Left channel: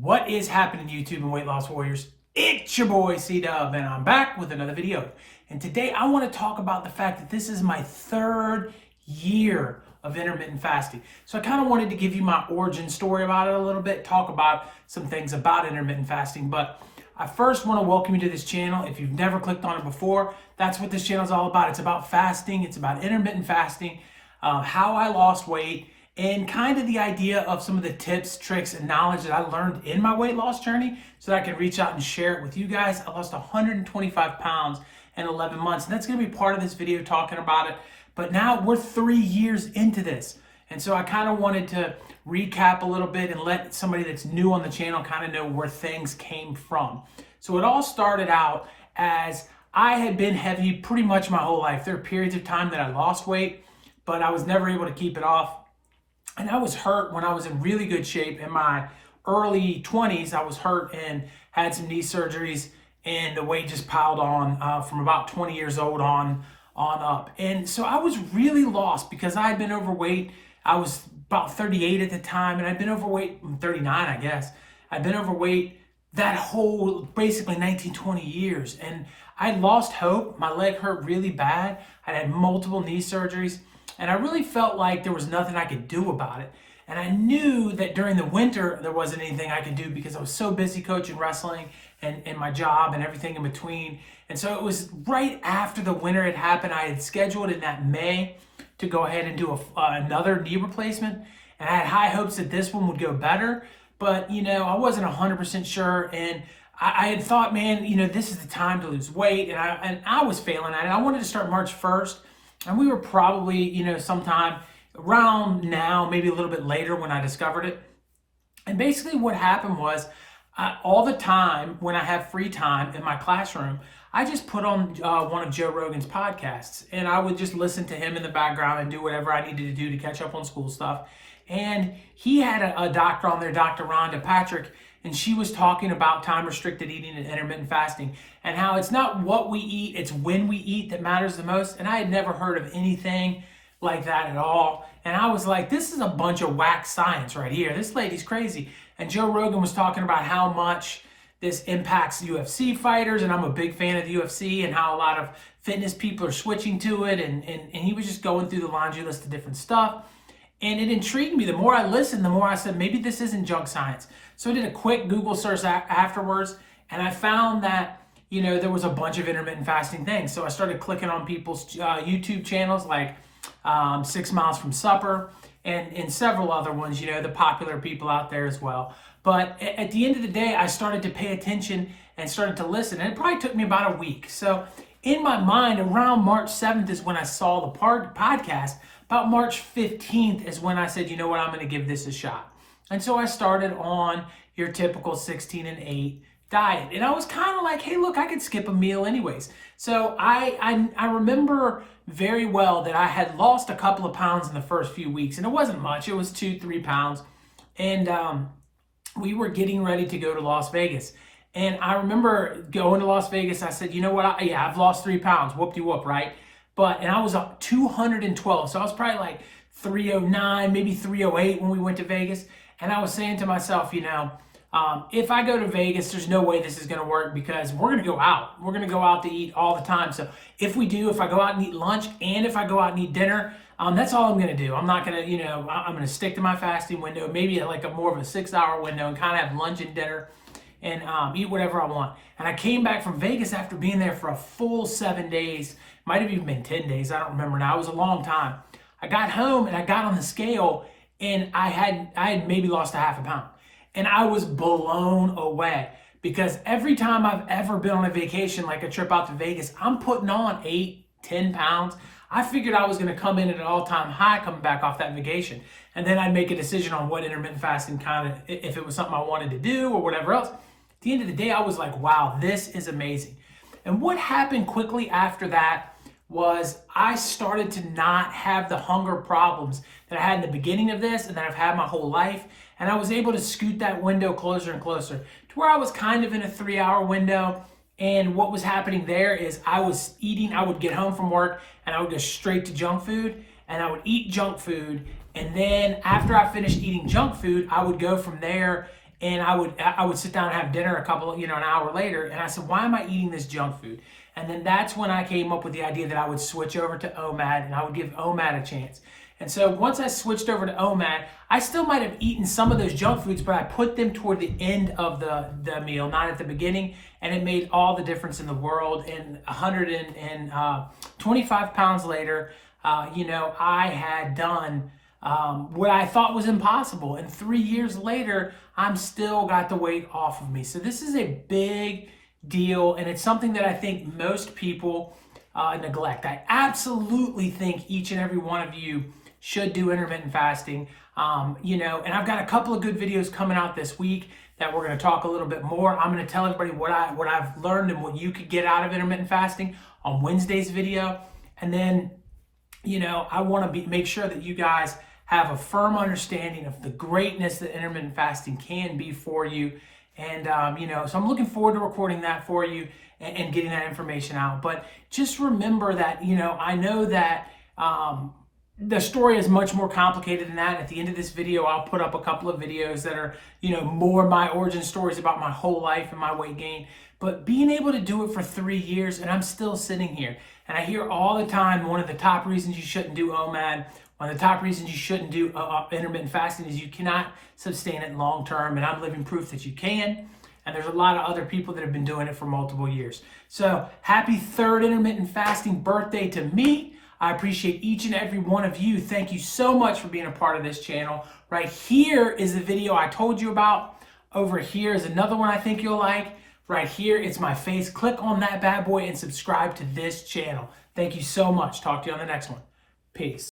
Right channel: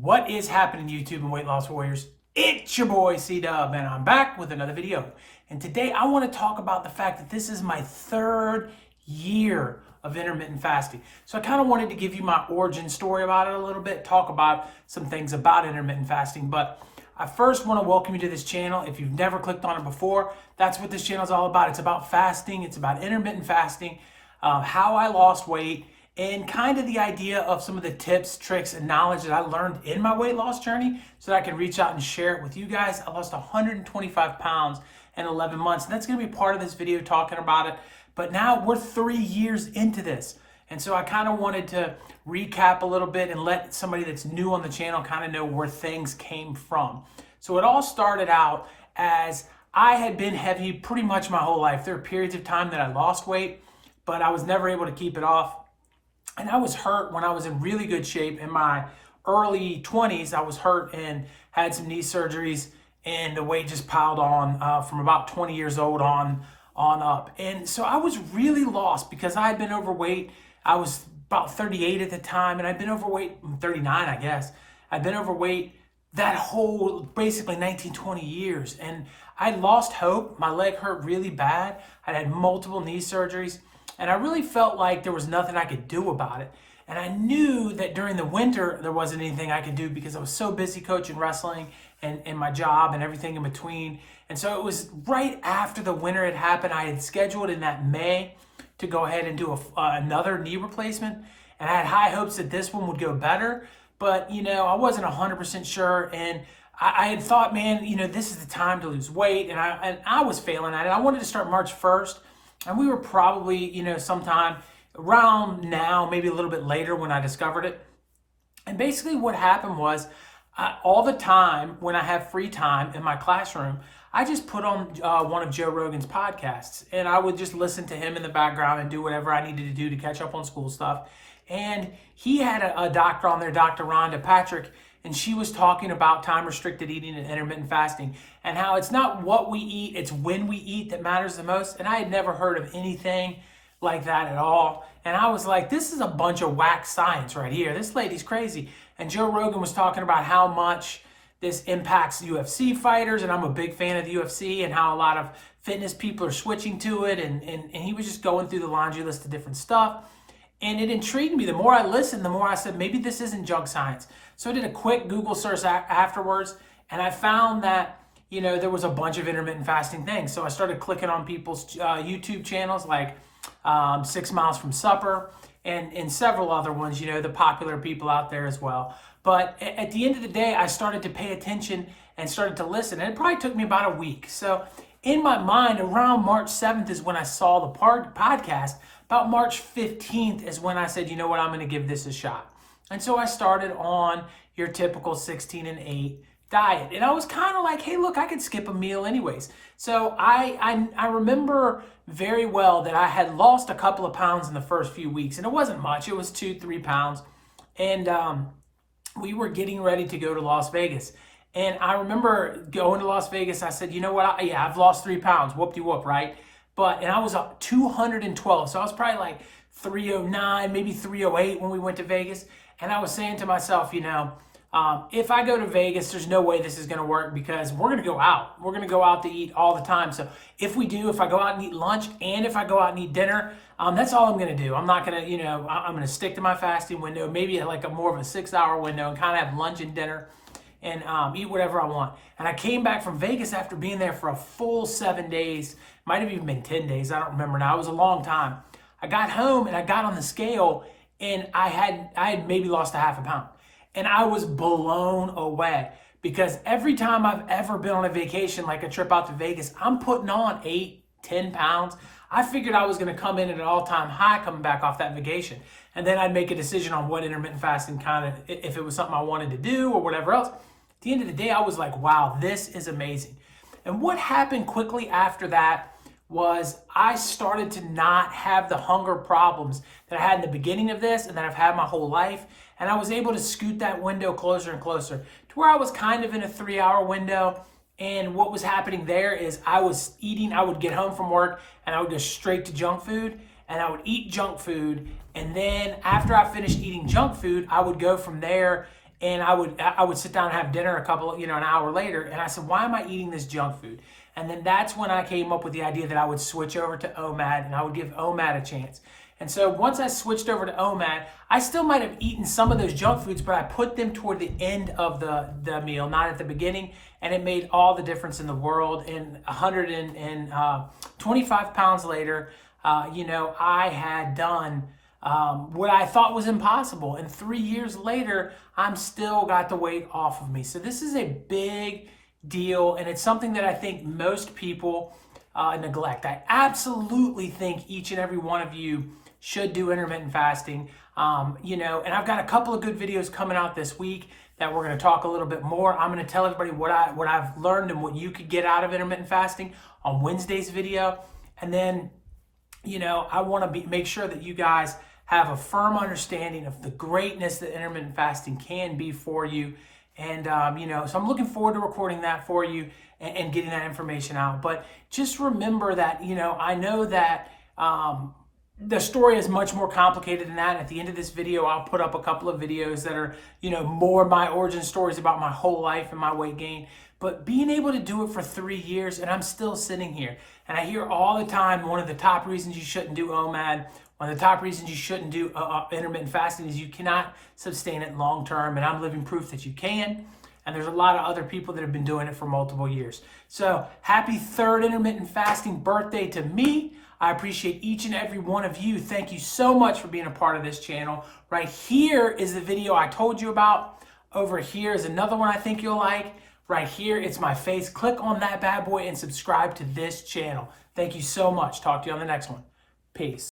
What is happening, YouTube and weight loss warriors? It's your boy C-Dub, and I'm back with another video. And today I want to talk about the fact that this is my third year of intermittent fasting. So I kind of wanted to give you my origin story about it a little bit, talk about some things about intermittent fasting. But I first want to welcome you to this channel. If you've never clicked on it before, that's what this channel is all about. It's about fasting. It's about intermittent fasting, how I lost weight, and kind of the idea of some of the tips, tricks, and knowledge that I learned in my weight loss journey so that I can reach out and share it with you guys. I lost 125 pounds in 11 months, and that's going to be part of this video talking about it. But now we're 3 years into this. And so I kind of wanted to recap a little bit and let somebody that's new on the channel kind of know where things came from. So it all started out as I had been heavy pretty much my whole life. There are periods of time that I lost weight, but I was never able to keep it off. And I was hurt when I was in really good shape. In my early 20s, I was hurt and had some knee surgeries, and the weight just piled on from about 20 years old on up. And so I was really lost because I had been overweight. I was about 38 at the time, and I'd been overweight, 39, I guess. I'd been overweight that whole basically 19, 20 years. And I lost hope. My leg hurt really bad. I had multiple knee surgeries. And I really felt like there was nothing I could do about it. And I knew that during the winter, there wasn't anything I could do because I was so busy coaching wrestling and my job and everything in between. And so it was right after the winter had happened. I had scheduled in that May to go ahead and do another knee replacement. And I had high hopes that this one would go better. But, I wasn't 100% sure. And I had thought, man, this is the time to lose weight. And I was failing at it. I wanted to start March 1st. And we were probably, sometime around now, maybe a little bit later when I discovered it. And basically what happened was all the time when I have free time in my classroom, I just put on one of Joe Rogan's podcasts, and I would just listen to him in the background and do whatever I needed to do to catch up on school stuff. And he had a doctor on there, Dr. Rhonda Patrick, and she was talking about time-restricted eating and intermittent fasting and how it's not what we eat, it's when we eat that matters the most. And I had never heard of anything like that at all. And I was like, this is a bunch of whack science right here. This lady's crazy. And Joe Rogan was talking about how much this impacts UFC fighters, and I'm a big fan of the UFC, and how a lot of fitness people are switching to it. And he was just going through the laundry list of different stuff. And it intrigued me. The more I listened, the more I said, maybe this isn't junk science. So I did a quick Google search afterwards, and I found that, there was a bunch of intermittent fasting things. So I started clicking on people's YouTube channels like 6 Miles from Supper and several other ones, the popular people out there as well. But at the end of the day, I started to pay attention and started to listen. And it probably took me about a week. So in my mind, around March 7th is when I saw the podcast. About March 15th is when I said, you know what, I'm going to give this a shot. And so I started on your typical 16 and 8 diet. And I was kind of like, hey, look, I could skip a meal anyways. So I remember very well that I had lost a couple of pounds in the first few weeks. And it wasn't much. It was 2-3 pounds. And we were getting ready to go to Las Vegas. And I remember going to Las Vegas. I said, you know what? I've lost 3 pounds. Whoop-de-whoop, right? And I was up 212. So I was probably like 309, maybe 308 when we went to Vegas. And I was saying to myself, if I go to Vegas, there's no way this is going to work because we're going to go out. We're going to go out to eat all the time. So if I go out and eat lunch and if I go out and eat dinner, that's all I'm going to do. I'm not going to, I'm going to stick to my fasting window, maybe like more of a 6-hour window, and kind of have lunch and dinner and eat whatever I want. And I came back from Vegas after being there for a full 7 days. Might have even been 10 days. I don't remember now. It was a long time. I got home and I got on the scale and I had maybe lost a half a pound. And I was blown away because every time I've ever been on a vacation, like a trip out to Vegas, I'm putting on 8-10 pounds. I figured I was going to come in at an all-time high coming back off that vacation. And then I'd make a decision on what intermittent fasting if it was something I wanted to do or whatever else. At the end of the day, I was like, wow, this is amazing. And what happened quickly after that was I started to not have the hunger problems that I had in the beginning of this and that I've had my whole life. And I was able to scoot that window closer and closer to where I was kind of in a 3-hour window. And what was happening there is I was eating, I would get home from work and I would go straight to junk food and I would eat junk food. And then after I finished eating junk food, I would go from there and I would sit down and have dinner an hour later, and I said, why am I eating this junk food? And then that's when I came up with the idea that I would switch over to OMAD and I would give OMAD a chance. And so once I switched over to OMAD, I still might have eaten some of those junk foods, but I put them toward the end of the meal, not at the beginning. And it made all the difference in the world. And 125 pounds later, I had done what I thought was impossible. And 3 years later, I'm still got the weight off of me. So this is a big deal. And it's something that I think most people neglect. I absolutely think each and every one of you should do intermittent fasting. And I've got a couple of good videos coming out this week that we're going to talk a little bit more. I'm going to tell everybody what I've learned and what you could get out of intermittent fasting on Wednesday's video. And then, I want to make sure that you guys have a firm understanding of the greatness that intermittent fasting can be for you. And, so I'm looking forward to recording that for you and getting that information out. But just remember that, I know that the story is much more complicated than that. At the end of this video, I'll put up a couple of videos that are, more my origin stories about my whole life and my weight gain. But being able to do it for 3 years, and I'm still sitting here, and I hear all the time, one of the top reasons you shouldn't do OMAD, one of the top reasons you shouldn't do intermittent fasting is you cannot sustain it long term, and I'm living proof that you can. And there's a lot of other people that have been doing it for multiple years. So happy third intermittent fasting birthday to me. I appreciate each and every one of you. Thank you so much for being a part of this channel. Right here is the video I told you about. Over here is another one I think you'll like. Right here, it's my face. Click on that bad boy and subscribe to this channel. Thank you so much. Talk to you on the next one. Peace.